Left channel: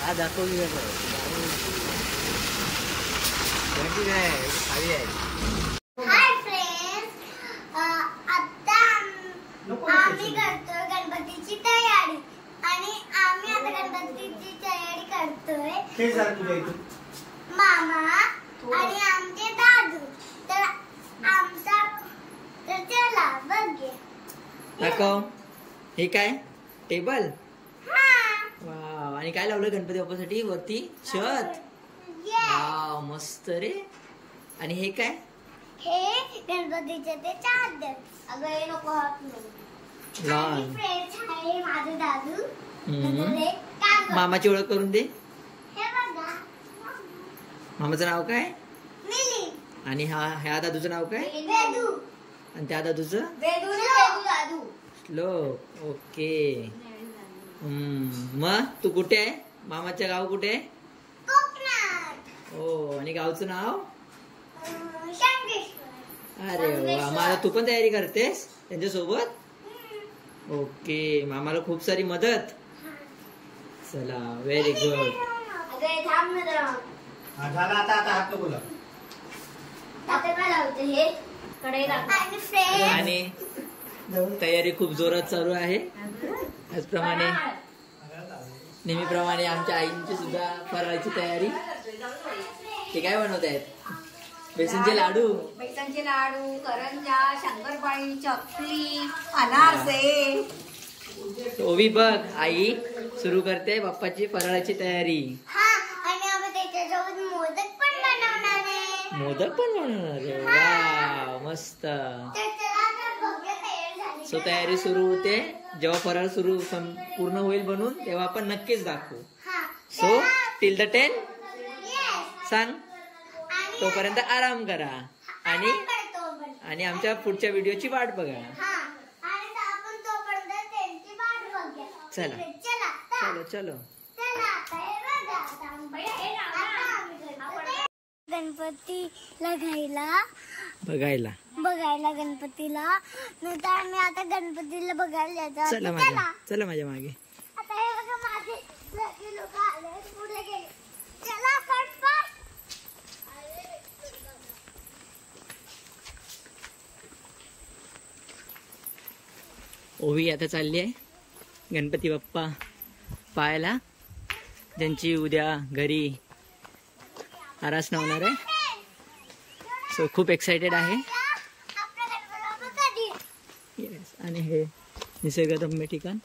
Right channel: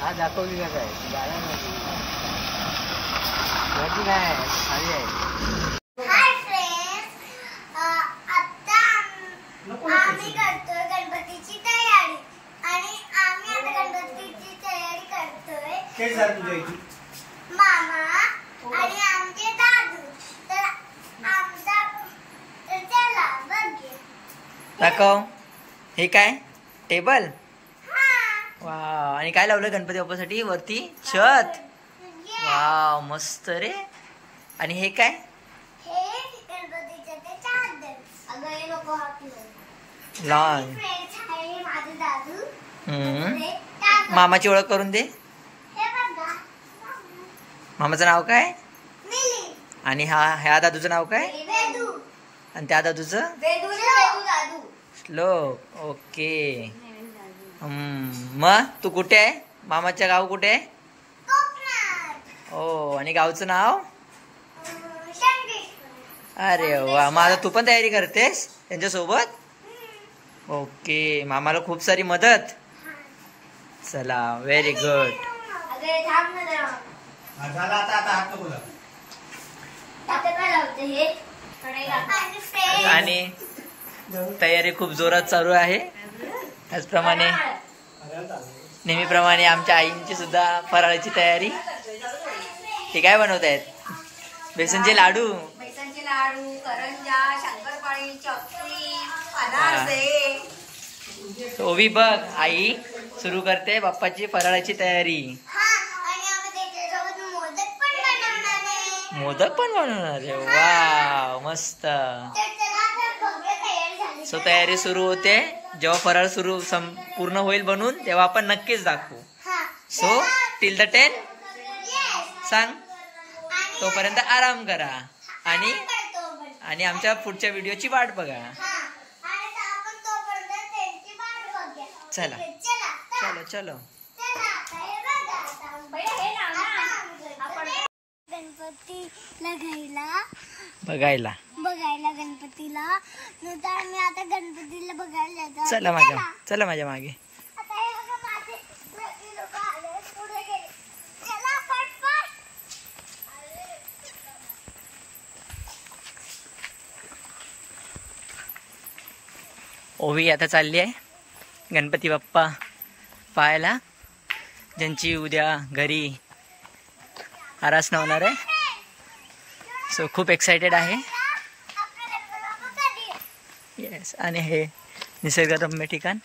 हा दाखवली काय खाली आहे. हाय फ्रेंड्स, आता आम्ही करतोय गणपतीची तयारी आणि आम्ही आता गणपतीची तयारी करतोय. मामा आणि आमचे दादू. तर आमचा तर चला बघूया. दाखव. हे काय टेबल? वाव. आणि काय लावलं गणपती बाप्पासाठी वरती? छत. वाव मस्त रे. आणि हे काय? हे गणपतीचे ते चादर. अगं हे नको लॉन. आहे माझे दादू. मामाची ओळख करून दे. हे बघा. मामाचं नाव काय? मिली. आणि ह्या दादूचं नाव काय? वेदू. आणि त्या दादूचं? वेदू दादू. श्लोक. ओके. मग तू कुठे आहे? मामाचं गाव कुठे आहे? कोकणात. हो. आणि गावचं नाव? शंकेश्वर. अरे वा. मग आता तू पण तयारी करतेस त्यांच्यासोबत? ओके. मामाला खूप सारी मदत. चला व्हेरी गुड. अगं थांब ना जरा. झाला आता हात नको लाव. आता काय लावते हे? कडे लागते. आणि तयारी खूप जोरात चालू आहे. त्याचप्रमाणे नेहमीप्रमाणे आमच्या आईंची सुद्धा फराळाची तयारी. ते काय बनवत आहेत? बेसनचे लाडू. बेसनचे लाडू, करंजा, शंकरपाळी, चकली, अनारसे. ओवी बघ, आई सुरू करते बाप्पाची फराळाची तयारी. मोदक पण बनवणार आहे. वा मस्त. सो तयारी सुरू होते. जेव्हा फराळ पूर्ण होईल बनून तेव्हा आपण नक्कीच दाखवू. सो टिल द 10 सांग. तोपर्यंत आराम करा आणि आमच्या पुढच्या व्हिडिओची वाट बघा. चला चलो चलो. गणपतीला बघायला गणपतीला नंतर आम्ही आता गणपतीला बघायला जातो. चला माझ्या मागे. आता हे बघा माझे लोक आले पुढे गेले. चला पटपट. ओवी आता चालली आहे गणपती बाप्पा पाहायला, ज्यांची उद्या घरी आरास होणार आहे. सो खूप एक्सायटेड आहे. येस. आणि हे निसर्गरम्य ठिकाण.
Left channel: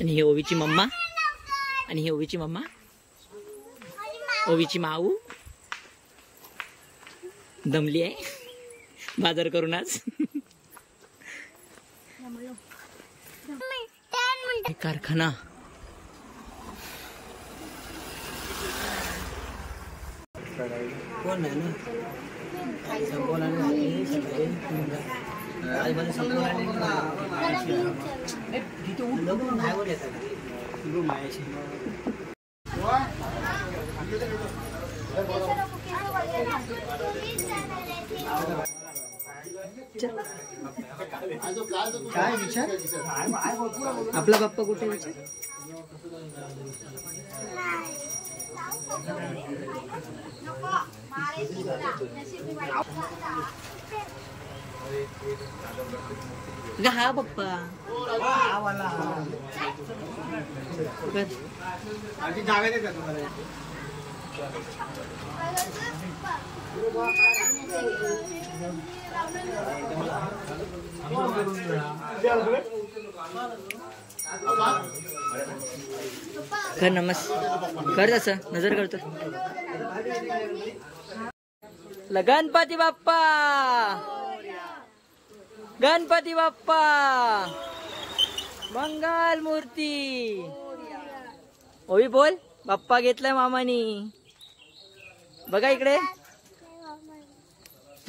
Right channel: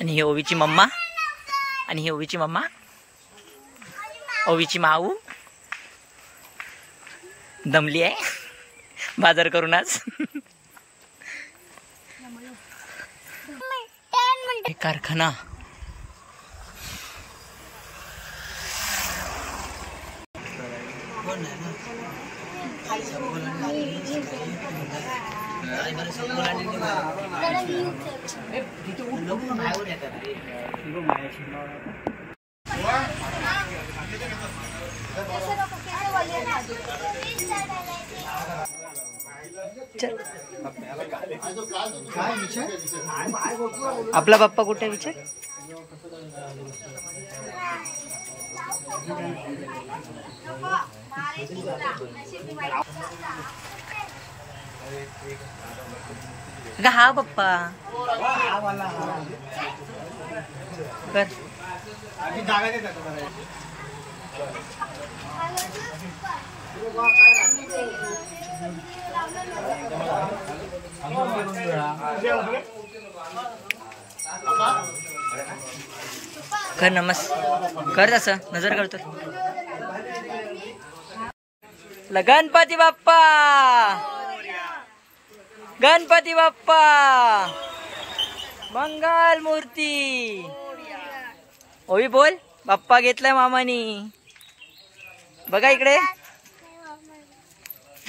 आणि ही ओवीची मम्मा आणि ही ओवीची मम्मा, ओवीची माऊ दमली आहे बाजार करून आज. कारखाना. आपला बाप्पा कुठे विचार? हा बाप्पा कर कर तसं नजर करतो. गणपती बाप्पा, गणपती बाप्पा मंगल मूर्ती. ओवी बोल. बाप्पा घेतलाय मामानी. बघा इकडे,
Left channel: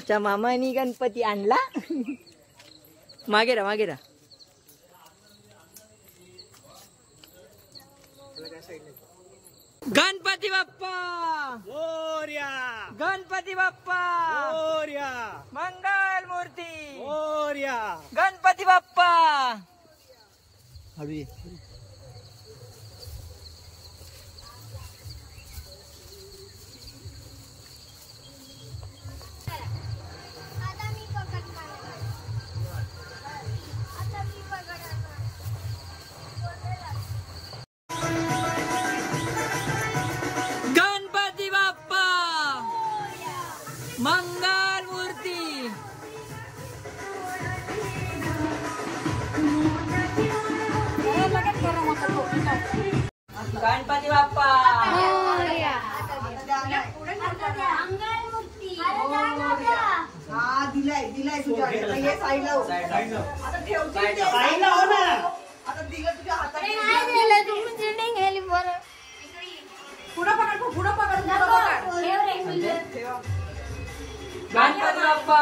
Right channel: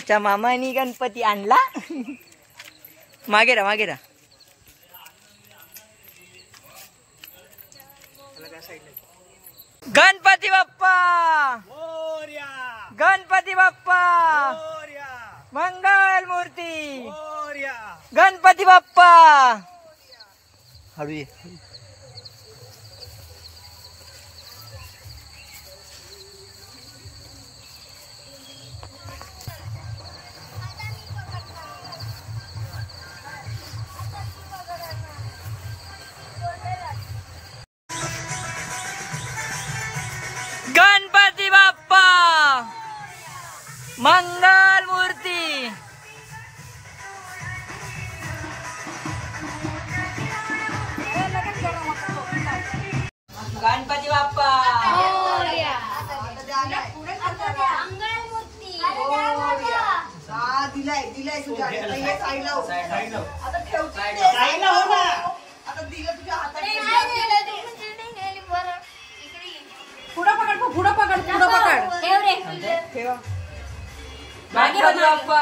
त्या मामानी गणपती आणला. मागे रा मागे रा. गणपती बाप्पा मोरया. गणपती बाप्पा मोरया. मंगल मूर्ती मोरया. गणपती बाप्पा हळू ये. आता मी पकडणार. आता मी पकडणार. गणपती बाप्पा मंगल मूर्ती गणपती बाप्पा दिलाय तुझ्या हाताला. हे साईडला हो. साईड लाव. आता ठेवची ते. साईडला हो ना. आता दिलं तुझ्या हातात. काय दिलं तुम्ही चिटिंग केली मला. पुढं पकड, पुढं पकड, पुढं पकड. ठेव. गणपती बाप्पा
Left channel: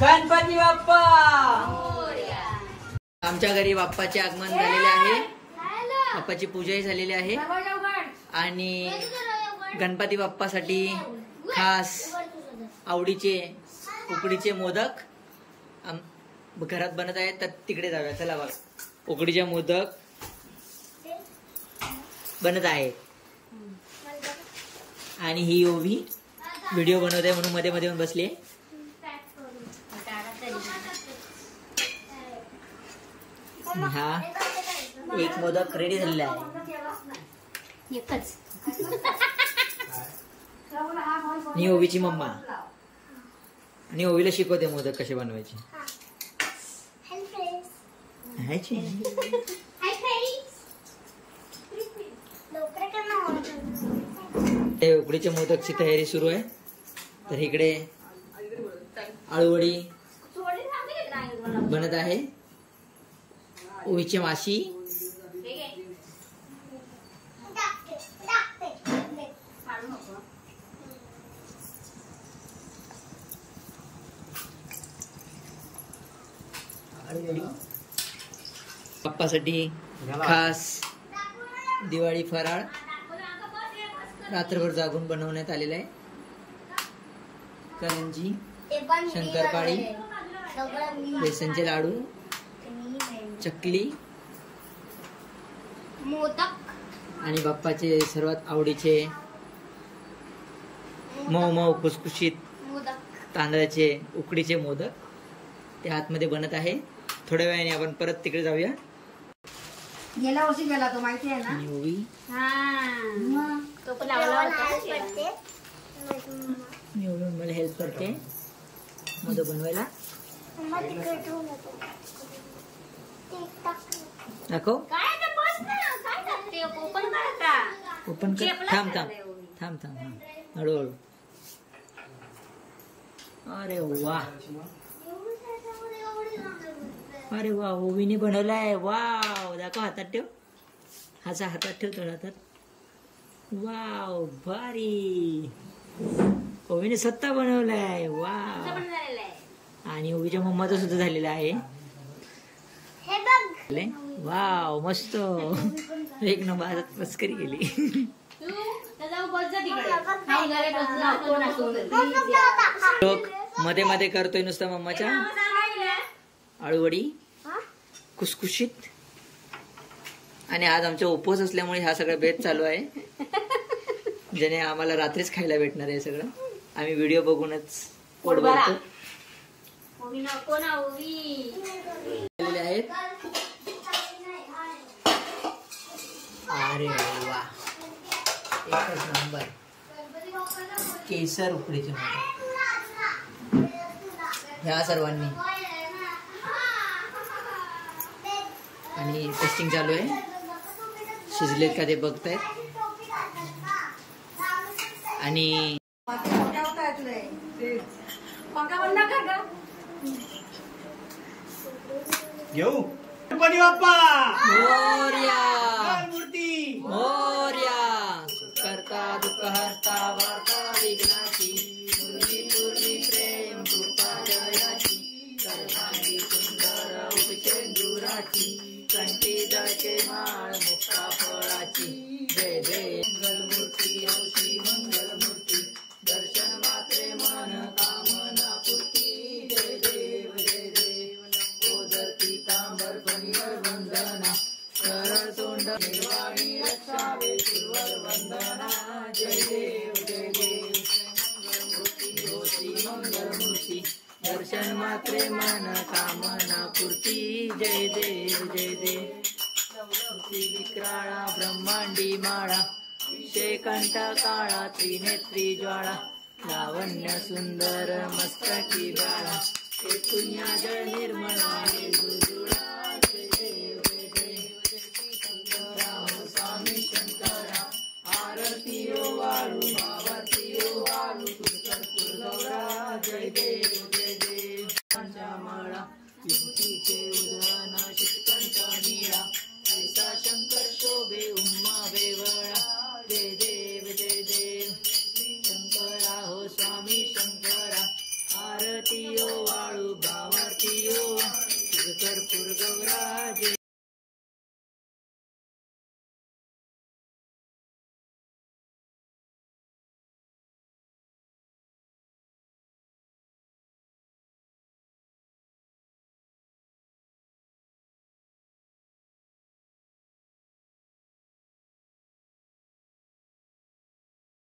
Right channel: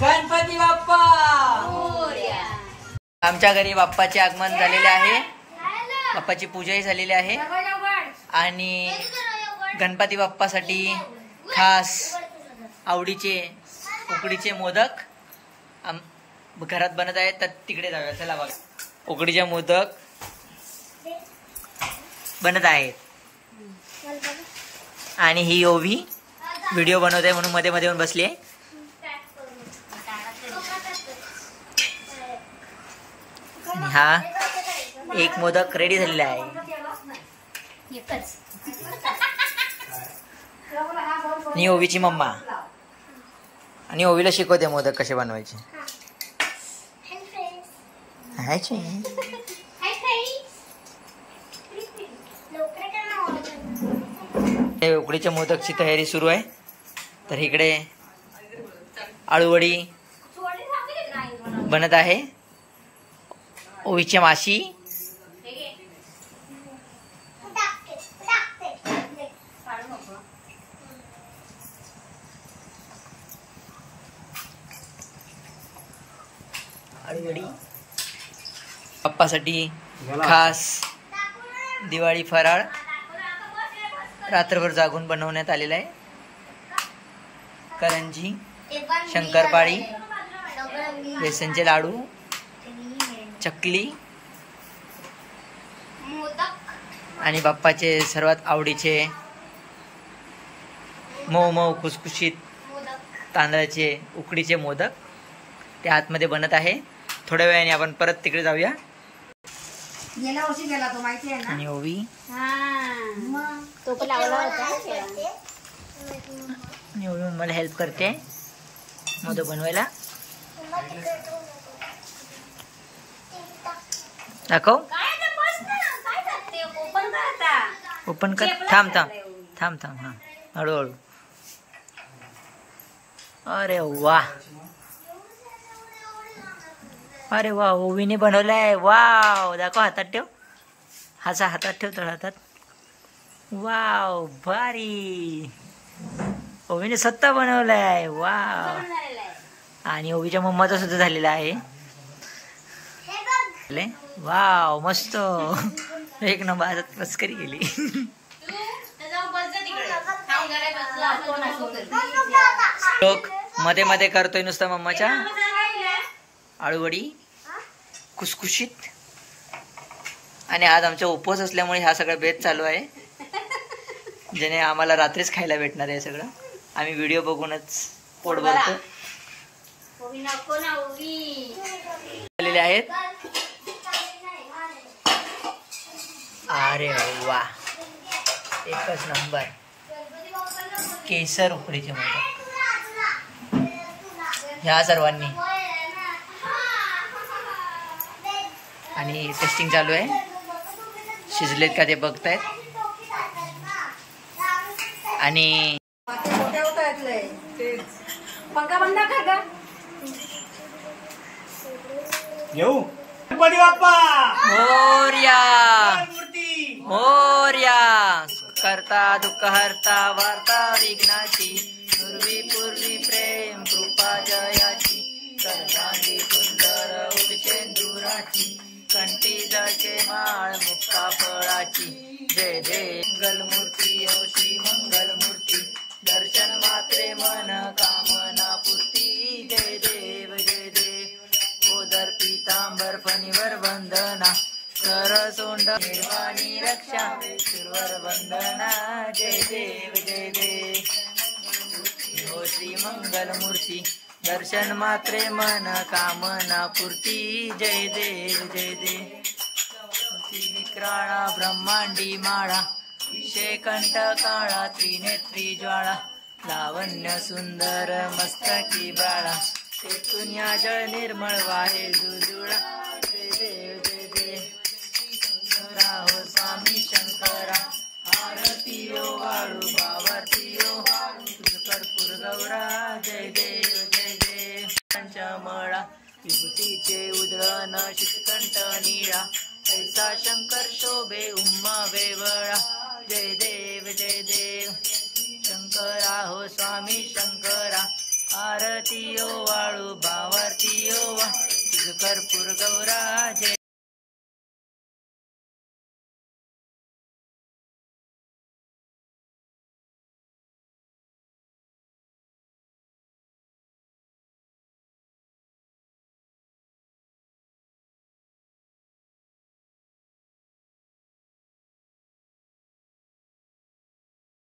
गणपती बाप्पा. आमच्या घरी बाप्पाचे आगमन झालेले आहे. बाप्पाची पूजाही झालेली आहे आणि गणपती बाप्पासाठी खास आवडीचे उकडीचे मोदक घरात बनत आहेत. तर तिकडे जाऊया. चला बघा. उकडीचे मोदक बनत आहेत आणि ही ओवी व्हिडिओ बनवत आहे म्हणून मध्ये मध्ये येऊन बसली आहे. आणि हा एक मोदक रेडी झालेला आहे. आणि ओवीची मम्मा आणि ओवीला शिकवते मोदक कसे बनवायचे. उकडीच्या मोदकची तयारी सुरू आहे. तर इकडे आळूवडी बनत आहे. ओवीची माशी आळूवडी बाप्पासाठी खास दिवाळी फराळ रात्रभर जागून बनवण्यात आलेला आहे. करंजी, शंकरपाळी, बेसनचे लाडू, चकली आणि बाप्पाचे सर्वात आवडीचे मऊ मऊ खुसखुशीत तांदळाचे उकडीचे मोदक ते आतमध्ये बनत आहे. थोड्या वेळाने आपण परत तिकडे जाऊया. गेल्या वर्षी गेला तो, माहिती आहे ना. आणि ओवी मला हेल्प करते मोदक बनवायला. दाखव. ओपन कर. थांब थांब थांब थांब. हा हळूहळू. अरे वा अरे वा ओवीने बनवलाय. वाव दाखव. हातात ठेव. हातात ठेव. तळ हातात. वाव भारी. ओवीने स्वतः बनवलाय. वाव. आणि ओवीच्या मम्माचा सुद्धा झालेला आहे. वाव मस्त. एक नंबर. हातात मस्करी केली. लोक मध्ये मध्ये करतोय नुसतं मम्माच्या आळूवडी खुसखुशीत. आणि आज आमचा उपवास असल्यामुळे हा सगळा बेत चालू आहे. ज्याने आम्हाला रात्रीच खायला भेटणार आहे सगळं. आम्ही व्हिडिओ बघूनच पोट भरतो. आलेले आहेत. अरे वा एकच नंबर. केसर उकडीचे मोदक ह्या सर्वांनी. आणि टेस्टिंग चालू आहे. शिजलेत का ते बघतायत. आणि पंखा बंद कर का. येऊ. गणपती बाप्पा मोरया मूर्ती मोरया करता दुःख हरता वार्ता विघ्नाची पूर्वी पूर्वी प्रेम कृपा जयाची सर्वांगी सुंदर उपचेंदुराची कंठी जळके माळ मुक्ता फळाची जय जय मंगलमूर्ती औषी मंगलमूर्ती दर्शन मात्रे मन कामना पूर्ती जय देव जय देव ओदर पीतांबर फणीवर वंदना सरसोंड निर्वाणी रक्षा सुरवर वंदना जय देव जय देव हो श्री मंगलमूर्ती दर्शन मात्रे मन कामना पूर्ती जय देव जय देव विक्राळा ब्रह्मांडी माळा शेकंठ काळा त्रिनेत्री ज्वाळा लावण्य सुंदर मस्तकी बाळा तेथून या जळ निर्मळ वाहे जुजुळा जय देव जय देव राव स्वामी शंकरा आरती ओ वाळू बावरती ओ कर्पूर गौरा जय देव जय देव पंचमळा विभूतीचे उधळण शितकंठ निळा ऐसा शंकर शोभे उम्मा वेवळा जय देव जय देव शंकरा हो स्वामी शंकरा आरती ओ वाळू बावरती ओ वा कर्पूर गौरा जय